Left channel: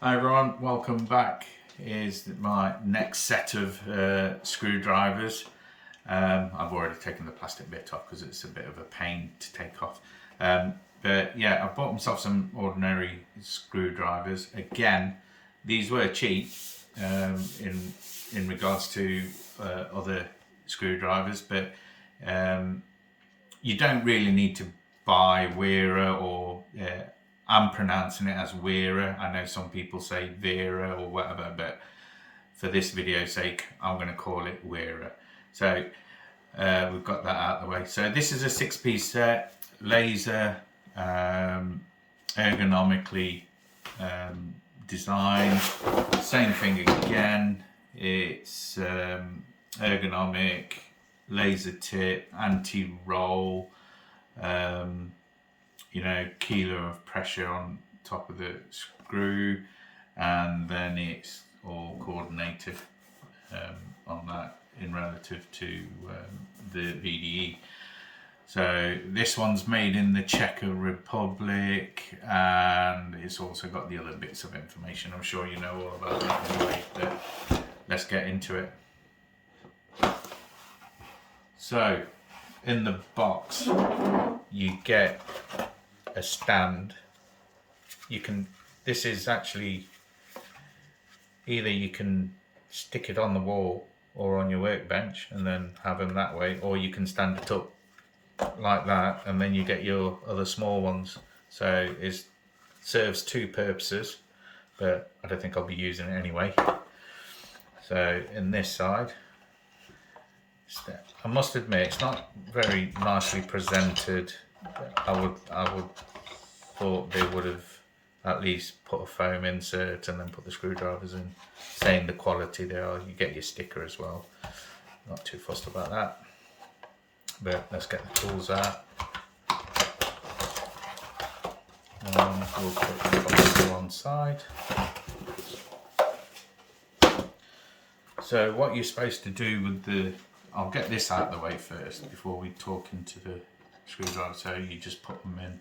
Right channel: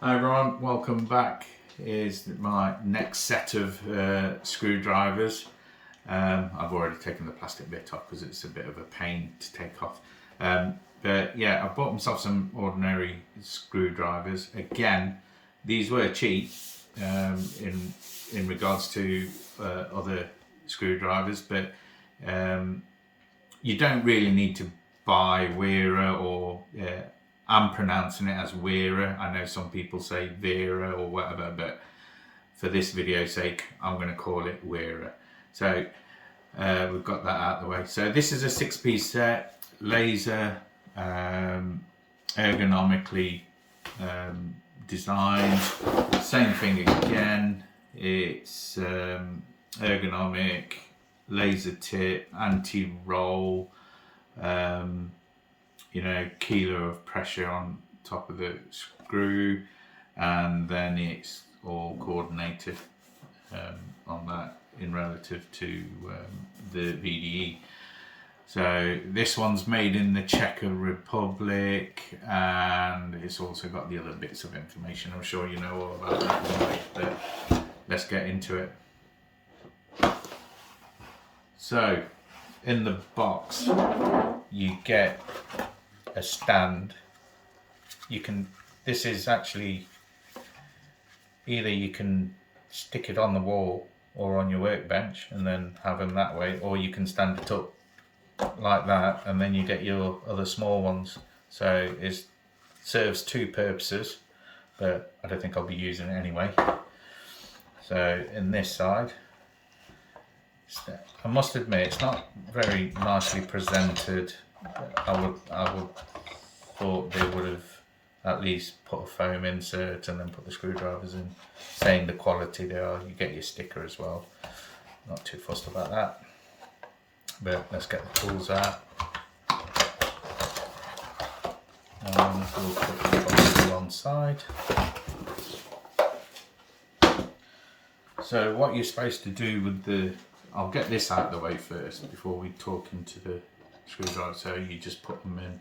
Hi everyone, welcome back. Here's my next set of screwdrivers. I've already taken the plastic bit off because it's a bit of a pain to take off. But yeah, I bought myself some ordinary screwdrivers. Again, these were cheap in regards to other screwdrivers, but you don't really need to buy WERA or I'm pronouncing it as WERA. I know some people say WERA or whatever, but for this video's sake, I'm going to call it WERA. So we've got that out of the way. So this is a 6-piece set, laser, ergonomically designed. Same thing again. It's ergonomic, laser tip, anti-roll. Keeler of pressure on top of the screw, and then it's all coordinated on that in relative to the VDE. So this one's made in the Czech Republic, and it's also got the other bits of information. I'm sure you know all about that anyway, but let's get into it. So in the box you get a stand. This is actually, either you can stick it on the wall or on your workbench and then have them that way, or you can stand it up like that and then you get your other small ones. So it serves two purposes, but I don't think I'll be using it anyway. So in this side, I must admit it's not very nicely presented. I would thought they would have at least put a foam insert and then put the screwdrivers in, saying the quality they are. You get your sticker as well. Not too fussed about that. But let's get the tools out. We'll put the box to one side. So what you're supposed to do with I'll get this out of the way first before we talk into the screwdriver. So you just put them in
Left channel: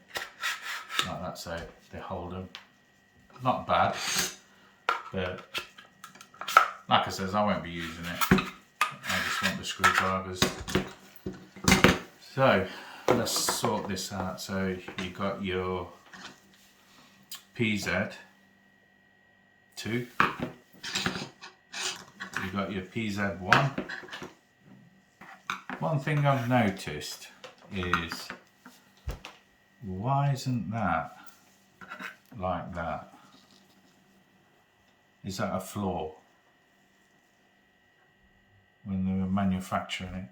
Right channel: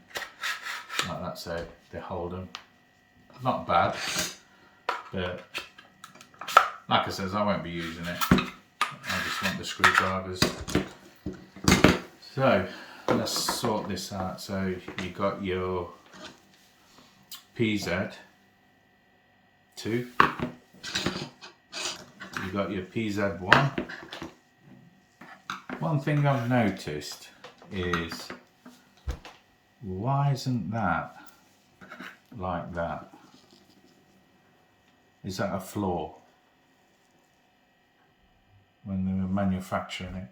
like that, so they hold them. Not bad, but like I said, I won't be using it. I just want the screwdrivers. So let's sort this out. So you got your PZ2, you got your PZ1. One thing I've noticed is, why isn't that like that? Is that a flaw? When they were manufacturing it,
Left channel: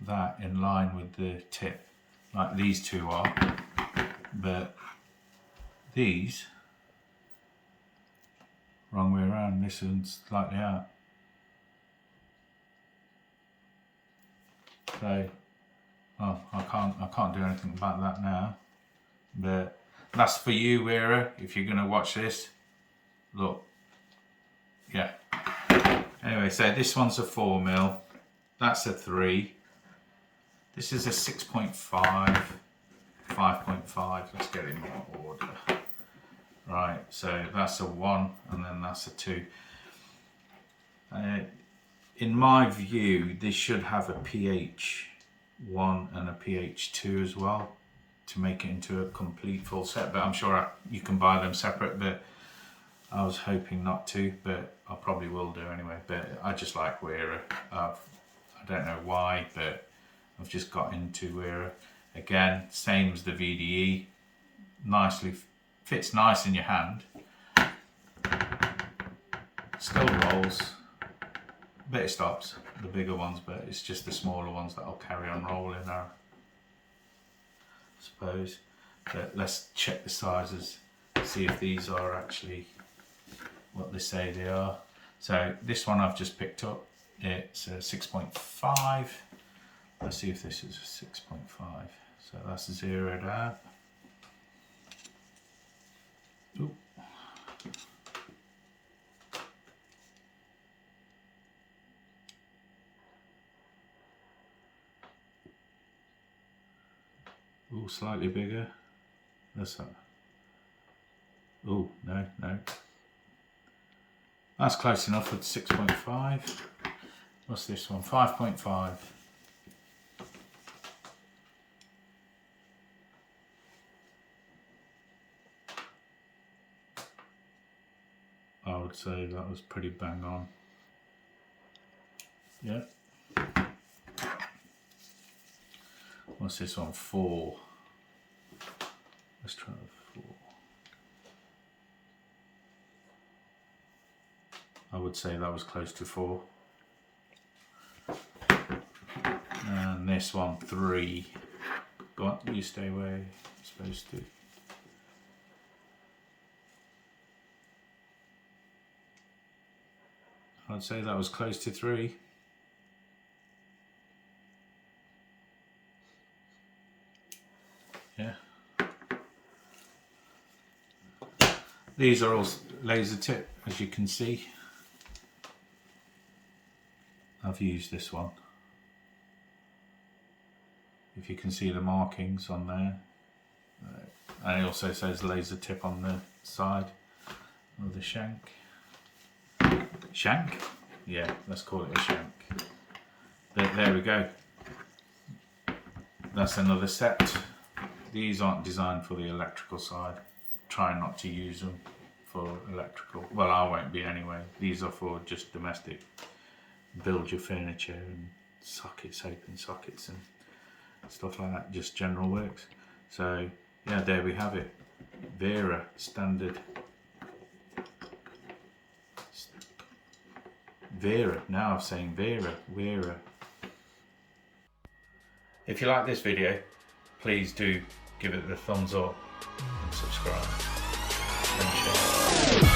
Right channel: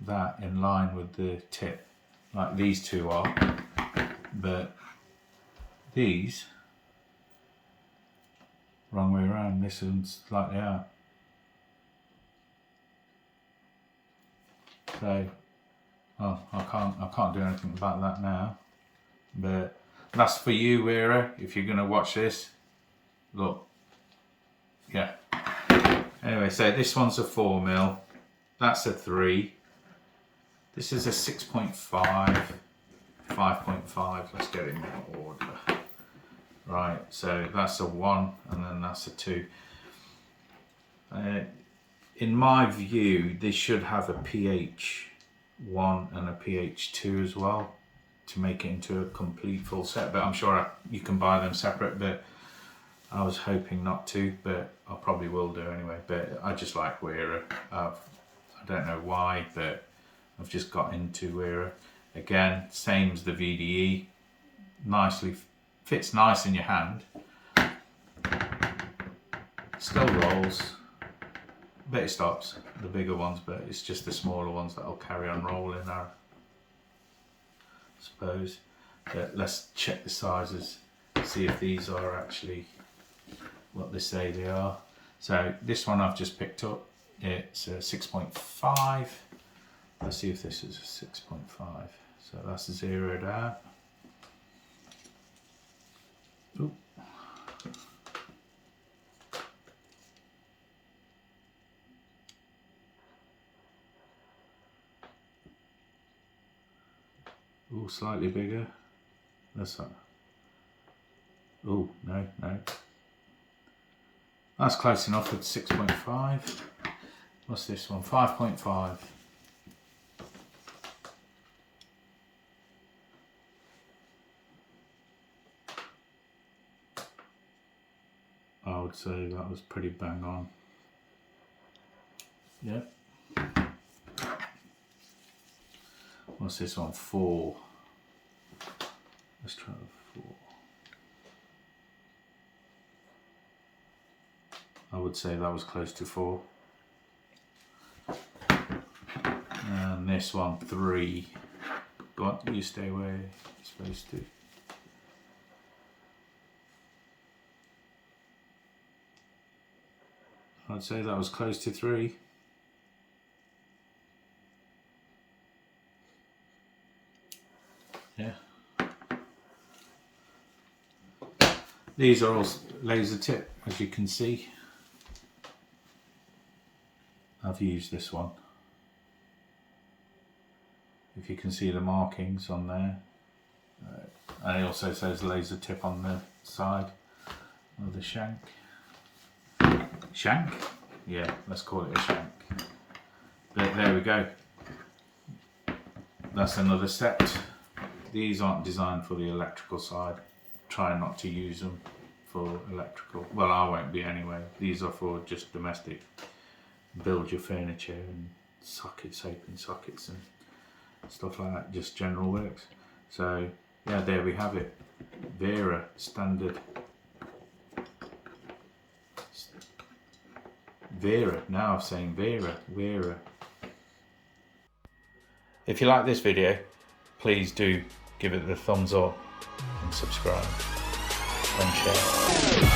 that in line with the tip, like these two are, but these, wrong way around, this one's slightly out. So, well, I can't do anything about that now. But that's for you, WERA, if you're going to watch this. Look, yeah. Anyway, so this one's a 4mm, that's a 3. This is a 6.5, 5.5. Let's get it in order. Right, so that's a 1, and then that's a 2. In my view, this should have a pH1 and a pH2 as well, to make it into a complete full set, but I'm sure you can buy them separate, but I was hoping not to, but I probably will do anyway. But I just like WERA. I don't know why, but I've just got into WERA. Again, same as the VDE, nicely fits nice in your hand, still rolls, bit it stops, the bigger ones, but it's just the smaller ones that'll carry on rolling, I suppose. But let's check the sizes, see if these are actually what they say they are. So this one I've just picked up, it's a 6.5. Let's see if this is a 6.5. So that's zeroed out. Ooh. Ooh, slightly bigger. That's that. Oh, no. That's close enough at 6.5. What's this one? 5.5. I would say that was pretty bang on. Yeah. What's this one? 4. Let's try the 4. I would say that was close to 4. And this one, 3. Go on, you stay where you're supposed to. I'd say that was close to 3. Yeah. These are all laser tip, as you can see. I've used this one. If you can see the markings on there. And it also says laser tip on the side of the shank. Shank? Yeah, let's call it a shank. But there we go. That's another set. These aren't designed for the electrical side. Try not to use them for electrical. Well, I won't be anyway. These are for just domestic. Build your furniture and sockets, open sockets and stuff like that. Just general works. So yeah, there we have it. WERA standard. WERA, now I'm saying WERA. If you like this video, please do give it the thumbs up and subscribe and share.